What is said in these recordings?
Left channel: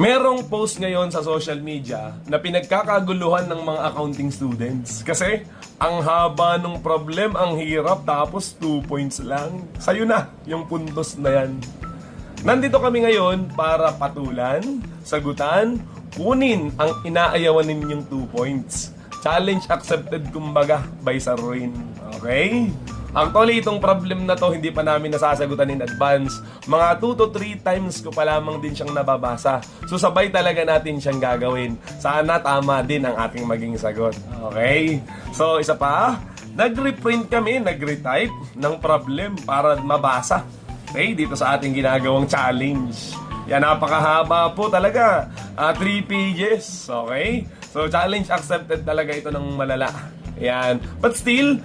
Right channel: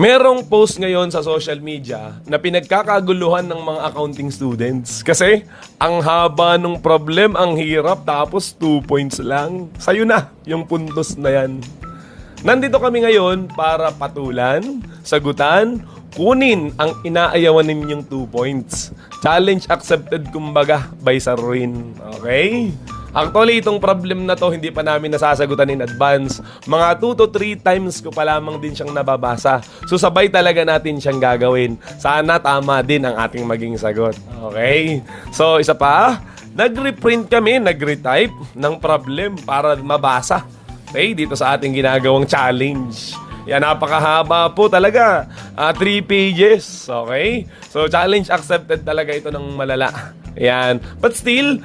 Merong post ngayon sa social media na pinagkakaguluhan ng mga accounting students. Kasi ang haba ng problem, ang hirap, tapos 2 points lang. Sa'yo na yung puntos na yan. Nandito kami ngayon para patulan, sagutan, kunin ang inaayawan ninyong 2 points. Challenge accepted kumbaga by Sir Ruin. Okay? Actually, itong problem na to hindi pa namin nasasagutan in advance. Mga 2 to 3 times ko pa lamang din siyang nababasa. So sabay talaga natin siyang gagawin. Sana tama din ang ating maging sagot. Okay? So isa pa, nag-reprint kami, nag-retype ng problem para mabasa. Okay? Dito sa ating ginagawang challenge. Yan, napakahaba po talaga. 3 pages. Okay? So challenge accepted talaga ito ng malala. Ayan. But still,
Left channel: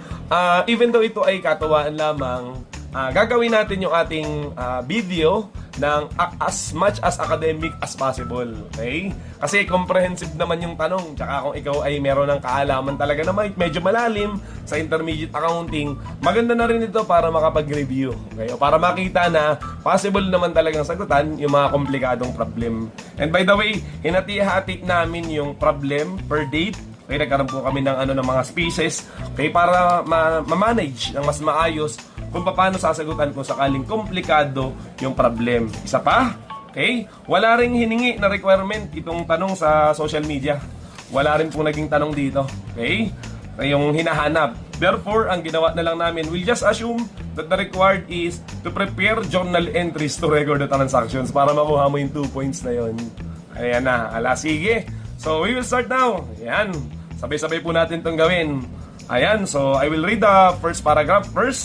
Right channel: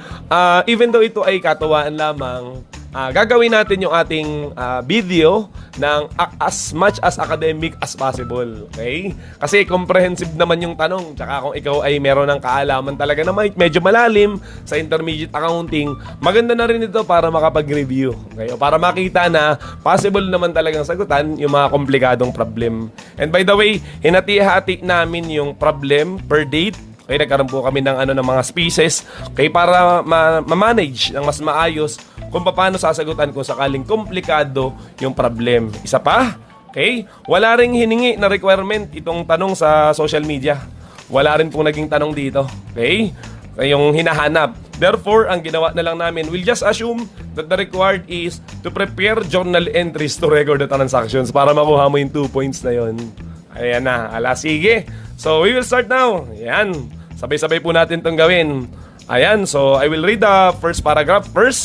even though ito ay katuwaan lamang, gagawin natin yung ating video ng as much as academic as possible. Okay? Kasi comprehensive naman yung tanong. Tsaka kung ikaw ay meron ng kaalaman talaga na medyo malalim sa intermediate accounting, maganda na rin ito para makapag-review. Okay? O para makita na possible naman talagang sagutan yung mga komplikadong problem. And by the way, hinati-hati namin yung problem per date. Okay, nagkaroon po kami ng mga species, okay, para ma-manage ng mas maayos kung paano sasagutan kung sakaling komplikado yung problem. Isa pa, okay, wala ring hiningi na requirement itong tanong sa social media. Wala rin pong naging tanong dito. Okay? Yung hinahanap. Therefore, ang ginawa na lang namin, we'll just assume that the required is to prepare journal entries to record the transactions para makuha mo yung 2 points na yun. Ayan na. Sige. So, we will start now. Ayan. Sabay-sabay po natin itong gawin. Ayan. So, I will read the first paragraph first.